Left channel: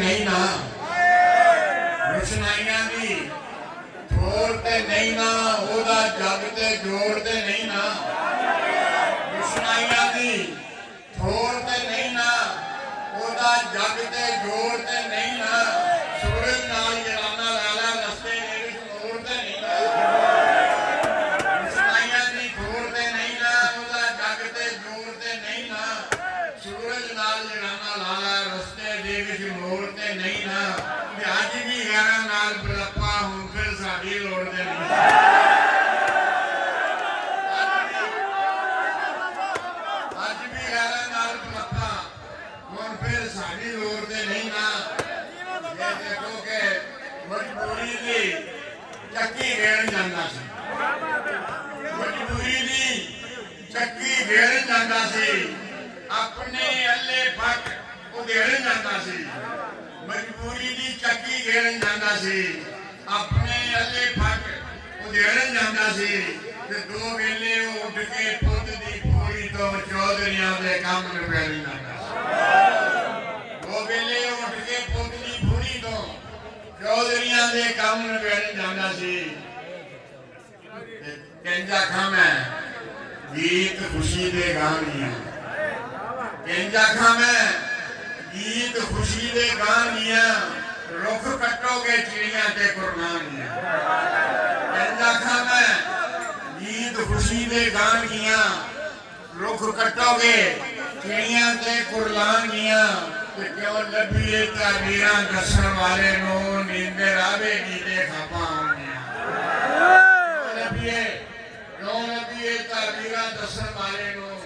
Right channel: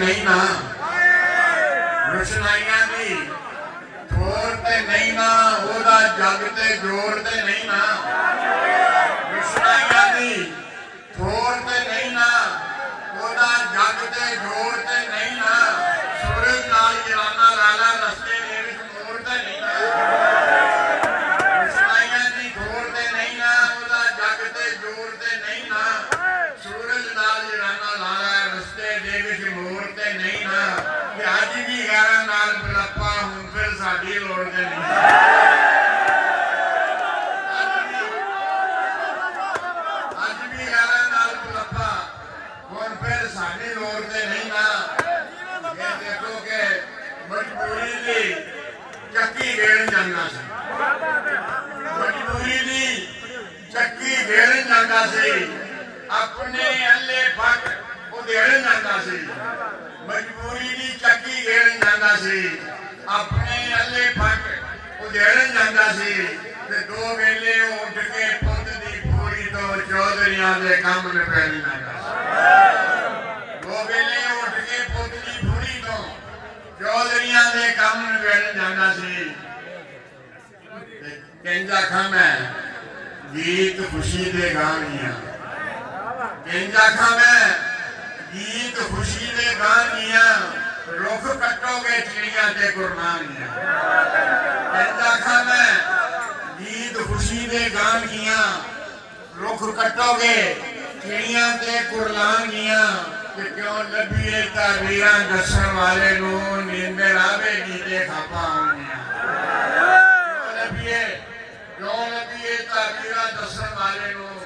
नहीं ना रुशनाइयां दी ठोर ते नहीं ना ओदा जग ते जोर ते नहीं ना रुशनाइयां दी ठोर ते नहीं ना ओदा जग ते जोर ते नहीं ना सूरज नाल जराना लाला रस्ते दे विच मोड़ ते नहीं ना रुशनाइयां दी ठोर ते नहीं ना ओदा जग ते जोर ते नहीं ना सूरज नाल जराना लाला रस्ते दे विच मोड़ ते नहीं ना अज भी गारा नाल बलप्पा हूं फिर साडी लोड़ ते नहीं अज भी गारा नाल बलप्पा हुण फिर साडी लोड़ ते नहीं ना ये देखो कि मजबूरी दी चक्की घेर जांदा सी मजबूरी दी चक्की घेर जांदा सी अपने अल्ले फट उधेड़ जांदा सी मजबूरी दी चक्की घेरन जांदा सी अपने अल्ले फट उधेड़न जांदा सी ते दो वेले उठ के पुੱਤ दी पूरी तो चौधरियां दे काम निबेड़न जांदा सी दो वेले उठ के पुੱਤ दी पूरी तो चौधरियां दे काम निबेड़न जांदा सी कहंदा खां गीत खुशी दे गानियां कहंदा खां गीत खुशी दे गानियां रुख कटोगे चिड़ियां ते कुरबानियां कहंदा खां गीत खुशी दे गानियां रुख कटोगे चिड़ियां ते कुरबानियां ते क्यों लभीए ताबीरां दसन वाले नूं नींदर आवेगी ते खापा आउणियां क्यों लभीए ताबीरां दसन वाले नूं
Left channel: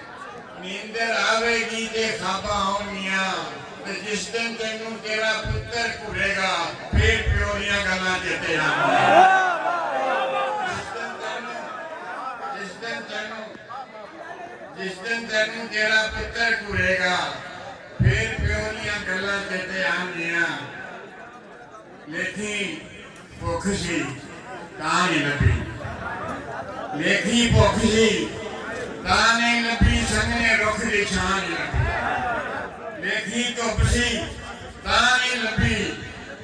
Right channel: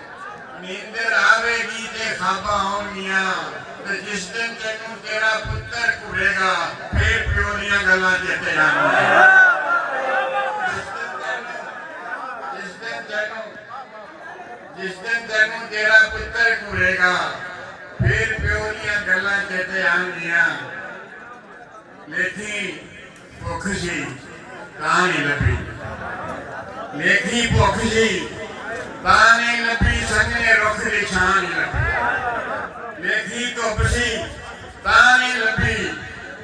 नींदर आवेगी ते खापा आउणियां जिस दिन तेनू तेरा पुत्र घूरेगा फिर प्यो दियां गल्लां चेते आउणगियां जिस दिन तेनू तेरा पुत्र घूरेगा फिर प्यो दियां गल्लां चेते आउणगियां लेखी भुख सी तां नहीं लभी लेखी भुख सी तां नहीं लभी संगने रुख दी छां नहीं लभी लेखी धुप सी तां नहीं लभी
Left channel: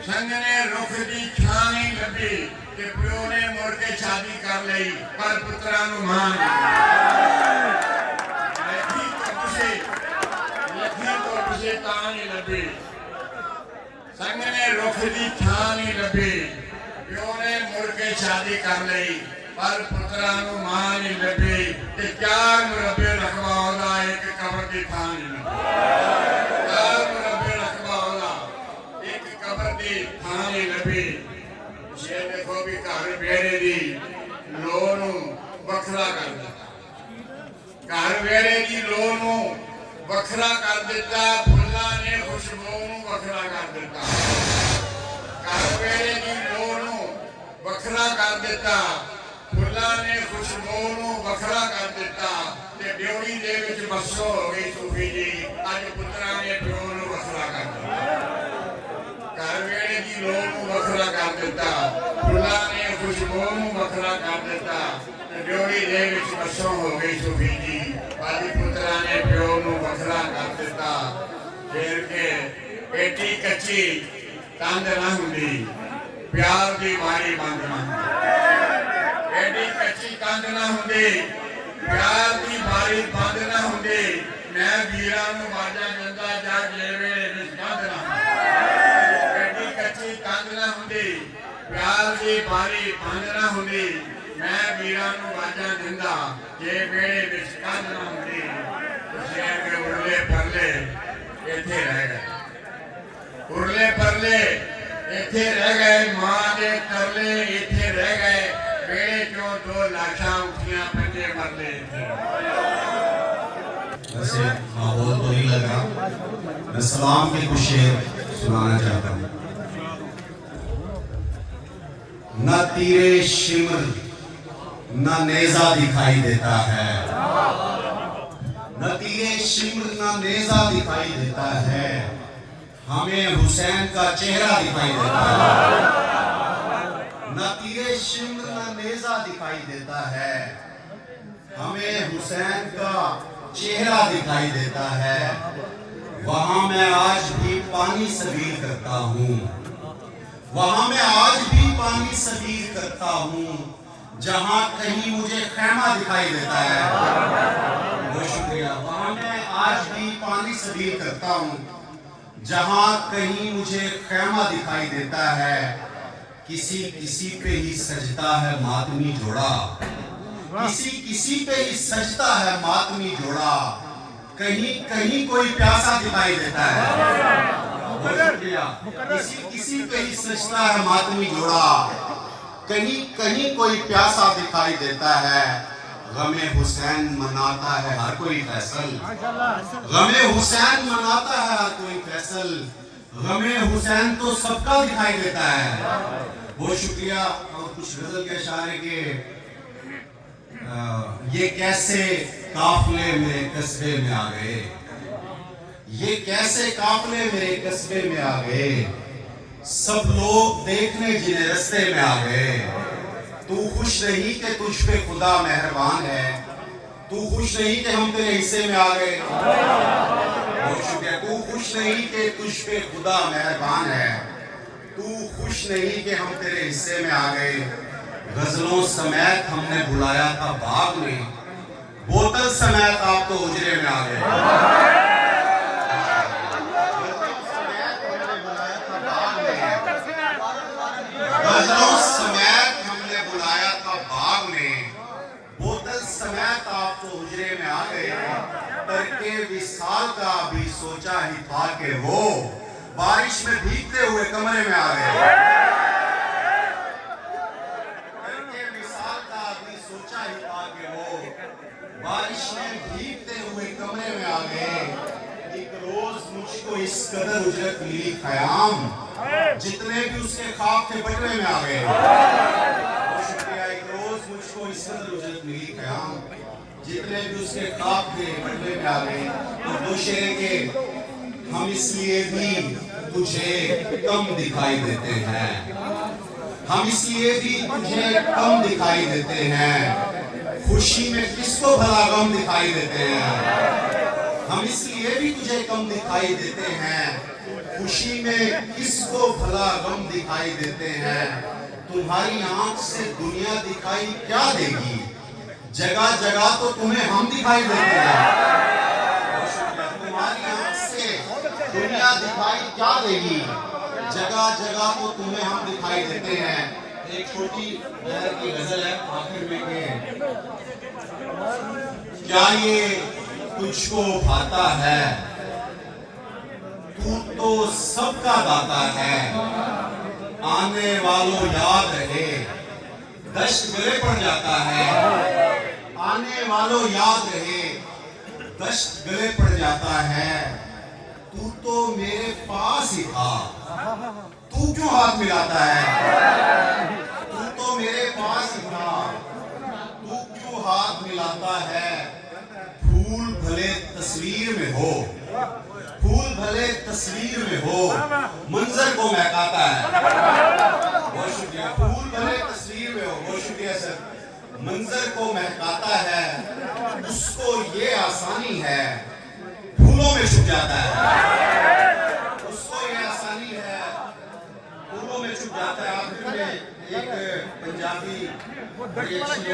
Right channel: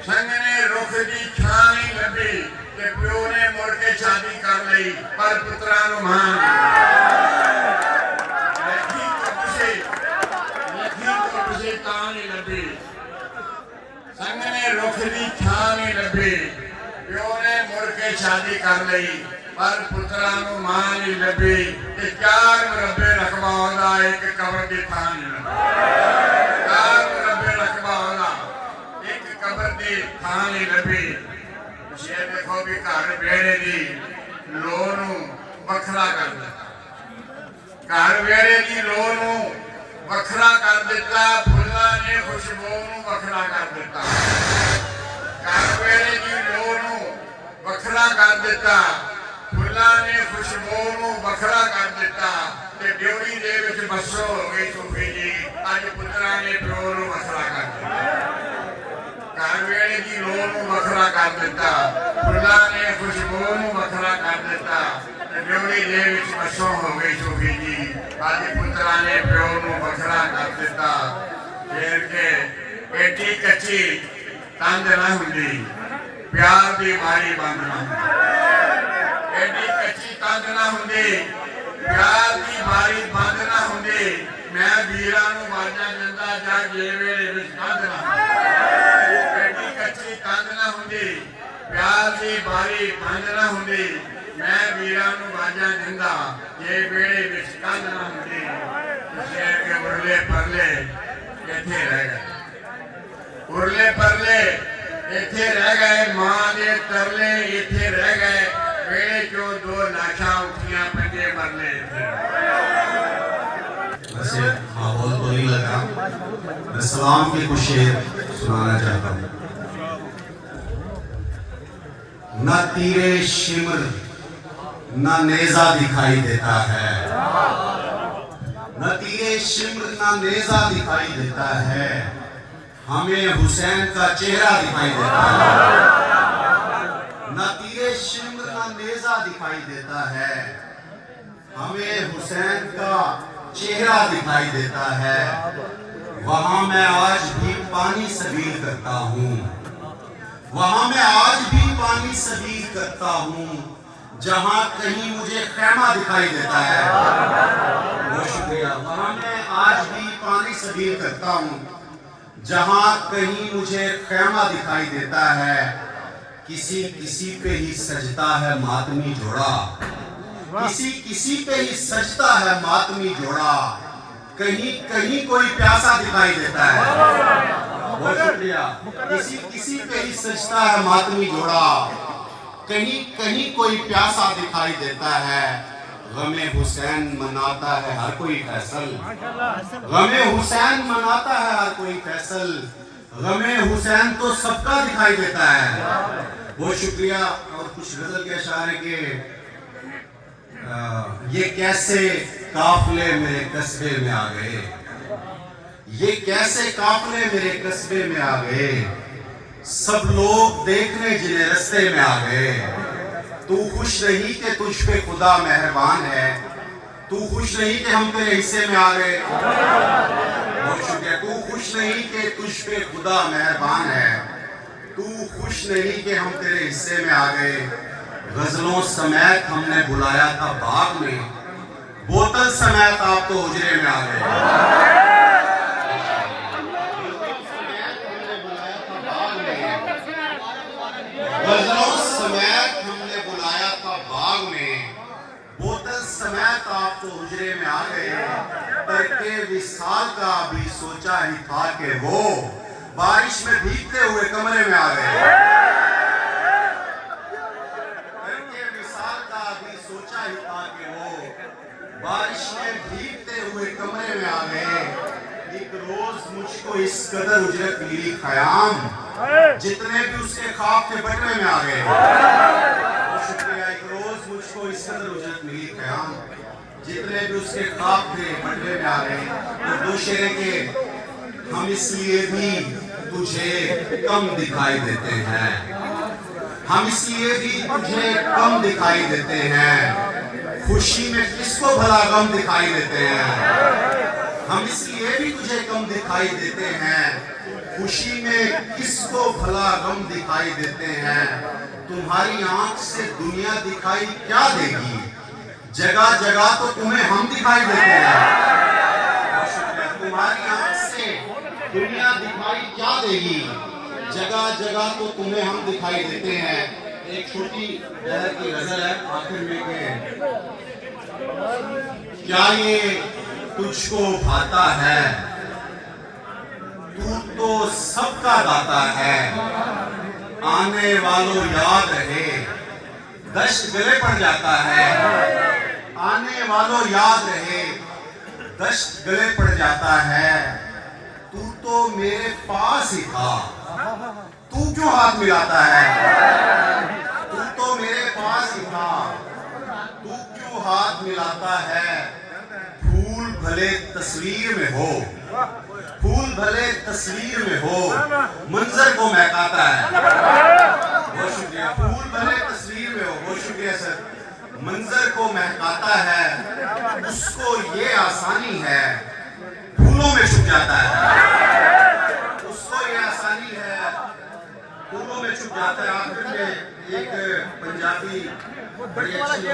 संगने रुख दी छां नहीं लभी ते प्यो ने मुड़ के शादी कर लई पर पुत्रा नूं मां लेखी धुप सी तां नहीं लभी संगने रुख दी छां नहीं लभी प्यो ने मुड़ के शादी कर लई पर पुत्रा नूं मां नहीं लभी ते चार मुरब्बे रकबा ओहदा एक कबर दी थां नहीं लभी थां नहीं लभी ये देखो भी घर बेड़े दी लोह नूं वखरा कर दिता घर बेड़े दी लोह नूं वखरा कर दिता फुल्लां ने खुशबू नूं वखरा कर दिता घर बेड़े दी लोह नूं वखरा कर दिता फुल्लां ने खुशबू नूं वखरा कर दिता ते ड्योड़ी दे विच बसो हो गई सूफी जी अज पुत्रा ने प्यो नूं वखरा कर दिता घर वेड़े की लोह नूं वखरा कर दिता फुल्लां ने खुशबू नूं वखरा कर दिता ड्योड़ी दे विच बसो हो गई सूफी जी अज पुत्रा ने प्यो नूं वखरा कर दिता फिर के एडी कच्ची तंद ना हुंदी प्यार दी बारी बंद ना एडी कच्ची तंद ना हुंदी प्यार दी बारी बंद ना हुंदी मैं वीरां नूं वाजा दिंदा जा जे वेले विच कंध ना प्यार की बारी कंध ना हुंदी मैं वीरां नूं वाजा दिंदा जे बेड़े विच कंध ना हुंदी तुसीं के उरले परले इत्थे रह गए उरले परले इत्थे रह गए मां दे तरले इत्थे रह गए बेड़े चों दो लाशां उठियां पंजे मरले वैसे माहौल तो नहीं लगा मैं सलाम के कुछ शेर सुनाना चाहता हूँ न तीरे शिमर न नेजा दिखाई देता है न तीरे शिमर न नेजा दिखाई देता है हमें हुसैन का चेहरा दिखाई देता है न तीरे शिमर न नेजा दिखाई देता है हमें हुसैन का चेहरा दिखाई देता है वहां मैं आज भी पानी सबील करता हूँ, वहां मैं आज भी पानी सबील करता हूँ, जहां कहीं मुझे खैमा दिखाई देता है। बहुत शुक्रिया। वहां मैं आज भी पानी सबील करता हूँ, जहां कहीं मुझे खैमा दिखाई देता है। किसी किसी पे ही सजता है मातमी जोड़ा, किसी किसी पे ही सजता है मातमी जोड़ा, कहीं कहीं कोई प्यासा दिखाई देता है। बहुत शुक्रिया। किसी किसी पे ही सजता है मातमी जोड़ा, कहीं कहीं कोई प्यासा दिखाई देता है। गमे हुसैन मनाता है हर कोई फैसल, गमे हुसैन मनाता है हर कोई फैसल, गमे हुसैन तो सबका दिखाई देता है। बहुत शुक्रिया। और कुछ गजल के इशारे के ये कैसे काफले मेरे कस्बे में आ गए, ये कैसे काफले मेरे कस्बे में आ गए, सब लोग देखने जिन्हें रास्ते में आ गए। तू खुश नहीं कि तुझ पे खुदा मेहरबान है, तू खुश नहीं कि हम तेरे हिस्से में आ गए। बहुत शुक्रिया। तू खुश नहीं कि तुझ पे खुदा मेहरबान है, तू खुश नहीं कि हम तेरे हिस्से में आ गए। गजलों समेत हमने बुलाया था बाग में, बोतल समेत आप तो उजरे में आ गए। गजलों समेत हमने बुलाया था बाग में, बोतल समेत आप तो उजरे में आ गए। करके विसाल का भी सोचा ही था कि वो बारिश में भीगते हुए कमरे में आ गए। करके विसाल का भी सोचा ही था कि वो बारिश में भीगते हुए कमरे में आ गए। एक रोज मुझको इस कदर उजरत मिली खयाम, जितने भी उसके ख्वाब थे बटवे में आ गए। शुक्रिया। एक रोज मुझको इस कदर उजरत मिली खयाम, जितने भी उसके ख्वाब थे बटवे में आ गए। तो दो शेरे के हम इसलिए भी तुझे कम दिखाई देते हैं, हम इसलिए भी तुझे कम दिखाई देते हैं। खुशी में किसको भला गम दिखाई देते हैं, हम इसलिए भी तुझे कम दिखाई देते हैं। खुशी में किसको भला गम दिखाई देते हैं। तुम्हारी आंख से दुनिया दिखाई क्या देगी, जगह जगह तो तुम्हें हम दिखाई देते हैं। तुम्हारी आंख से दुनिया दिखाई क्या देगी, जगह जगह तो तुम्हें हम दिखाई देते हैं। एक छोटी लहर की गजल है आखिर में के क्या ये तुझको भाता है, तू तो सबका दाता है। आने वालों याद रहे, दश्त गले पड़ जाता है। आने वालों याद रहे, दश्त गले पड़ जाता है। तू तो मेरे पास ही था, तू क्यों हाथ मिलाता है। तू तो मेरे पास ही था, तू क्यों हाथ मिलाता है। फूल भले तस्वीर में हो, फूल भले तस्वीर में हो, मंजर को महकाता है। बहुत शुक्रिया। फूल भले तस्वीर में हो, बहुत शुक्रिया सर, मंजर को महकाता है। उसको ये आसानी है, फूलों में छुप जाता है। उसको ये आसानी है, फूलों में छुप जाता है। आखिर में एक पंजाबी बड़ी अच्छी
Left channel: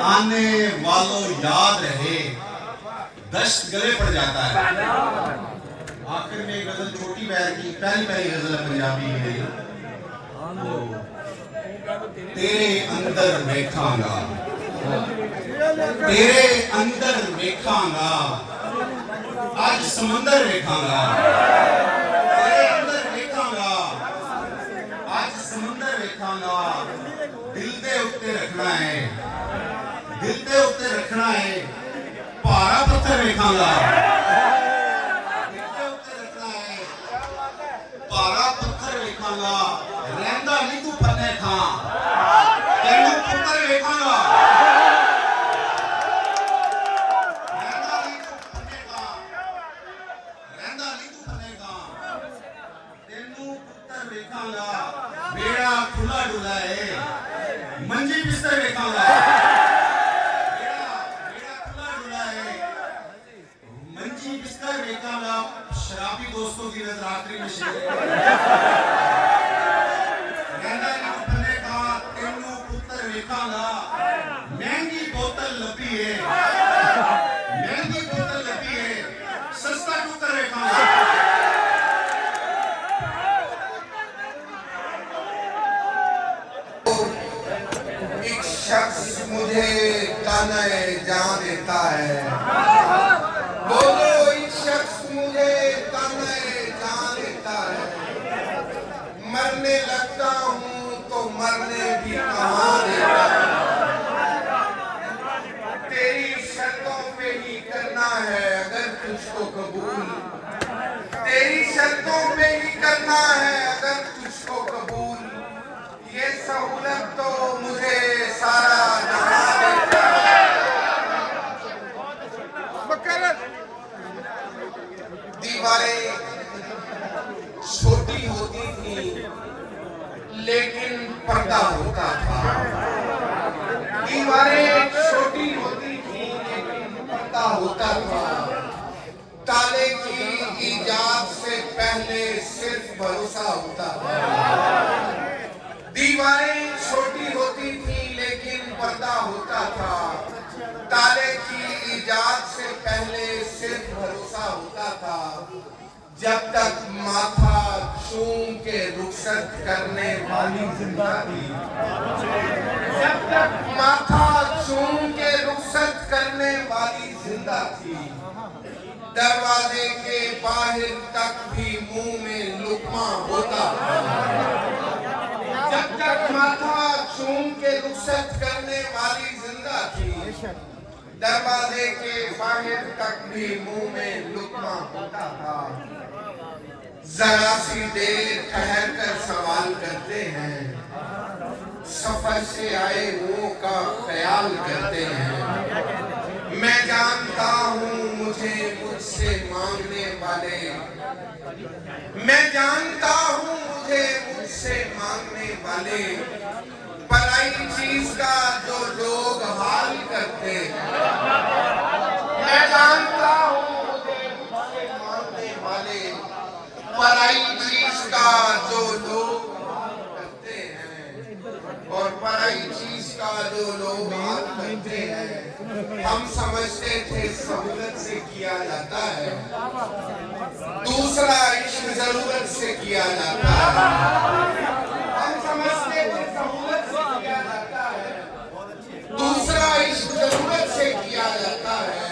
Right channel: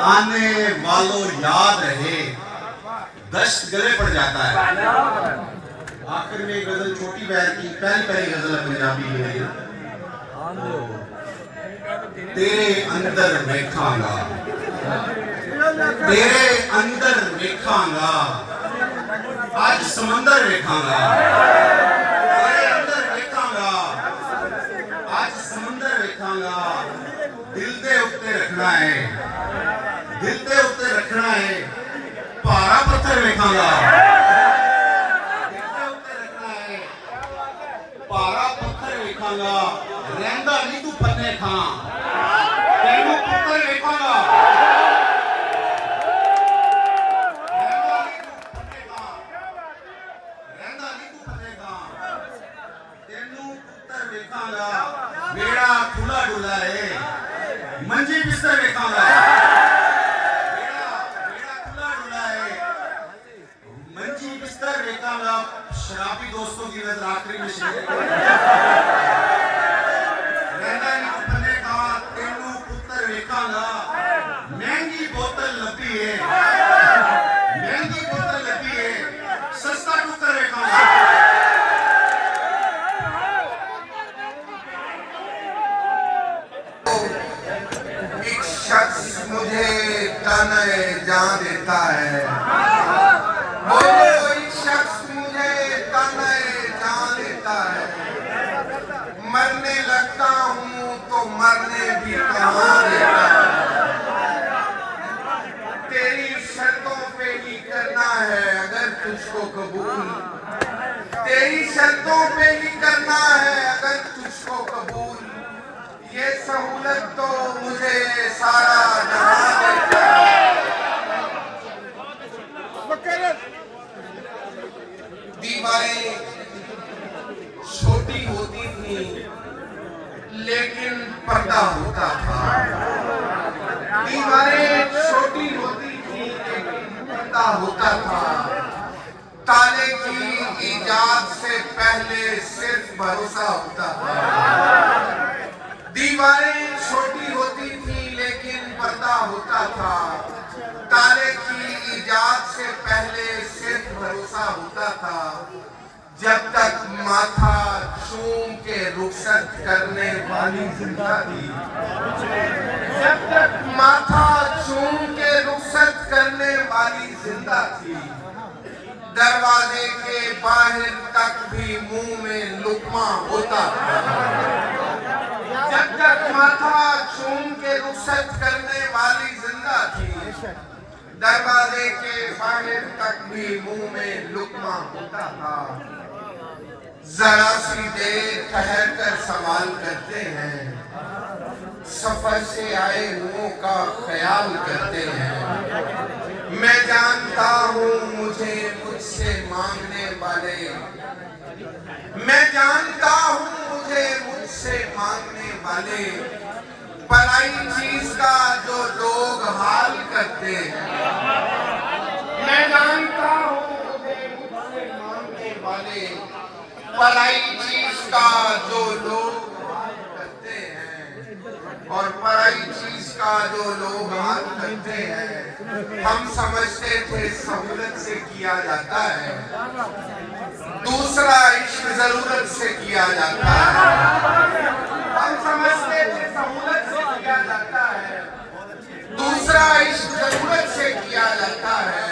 आने वालों याद रहे, दश्त गले पड़ जाता है। आखिर में एक गजल छोटी बहर की पहली पहली गजल है पंजाबी में, तेरे अंदर वेखांगा, तेरे अंदर वेखांगा, आज समंदर वेखांगा। तेरे अंदर वेखांगा, आज समंदर वेखांगा। दिल दे उत्ते रखना है, दिल दे उत्ते रखना है, भारा पत्थर वेखांगा। दिल दे उत्ते रखना है, भारा पत्थर वेखांगा। रहंदा नहीं तू फन्ने खां, तेनू पुत्तर वेखांगा। रहंदा नहीं तू फन्ने खां, रहंदा नहीं तू फन्ने खां, तेनू पुत्तर वेखांगा। बेड़ा खुला डुला है, मंजी बिस्तर वेखांगा। बेड़ा खुला डुला है, मंजी बिस्तर ना शराबी दोस्तों की नजर आखिरी में शेर रहना इन पन्ने का तेनू पुत्र वेखांगा महंगी बोतल लभी है महंगी बोतल लभी है सस्ता टुकर वेखांगा एक शख्स मुझे ताने जान देता है बोलो एक शख्स मुझे ताने जान देता है मरने लगता हूँ तो मरने भी कहाँ देता है तेरी शर्तों पे ही करना है अगर तुझको कबूल तेरी शर्तों पे ही करना है अगर तुझको कबूल ये सहूलत तो मुझे सारा जहां देता है दीवारें छोटी होती थी लेकिन पर्दा होता था दीवारें छोटी होती थी लेकिन पर्दा होता था ताले की इजाद से पहले सिर्फ भरोसा होता था दीवारें छोटी होती थी लेकिन पर्दा होता था ताले की इजाद से पहले सिर्फ भरोसा होता था जब तक माथा चूम के रुखसत करने वाली जिंदा थी जब तक माथा चूम के रुखसत करने वाली जिंदा थी दरवाजे के बाहर तक भी मुंह में लुकमा होता था जब तक माथा चूम के रुखसत करने वाली जिंदा थी दरवाजे के बाहर तक भी मुंह में लुकमा होता था जरा सी देर ठहर कर सवाल करते हैं सफर से आए हुओं का ख्याल करते हैं मैं जानता हूँ मुझे मुझसे मांगने वाले मैं जानता हूँ मुझे मुझसे मांगने वाले पराई चीज का जो लोग हाल करते हैं मैं जानता हूँ मुझे मुझसे मांगने वाले पराई चीज का जो लोग हाल करते हैं और पराई चीज का जो लोग हाल करते हैं हम समझते थे सहूलत से किया जाता है दूसरा इश्क जरूरत से किया जाता है हम समझते थे सहूलत से किया जाता है दूसरा इश्क जरूरत से किया जाता है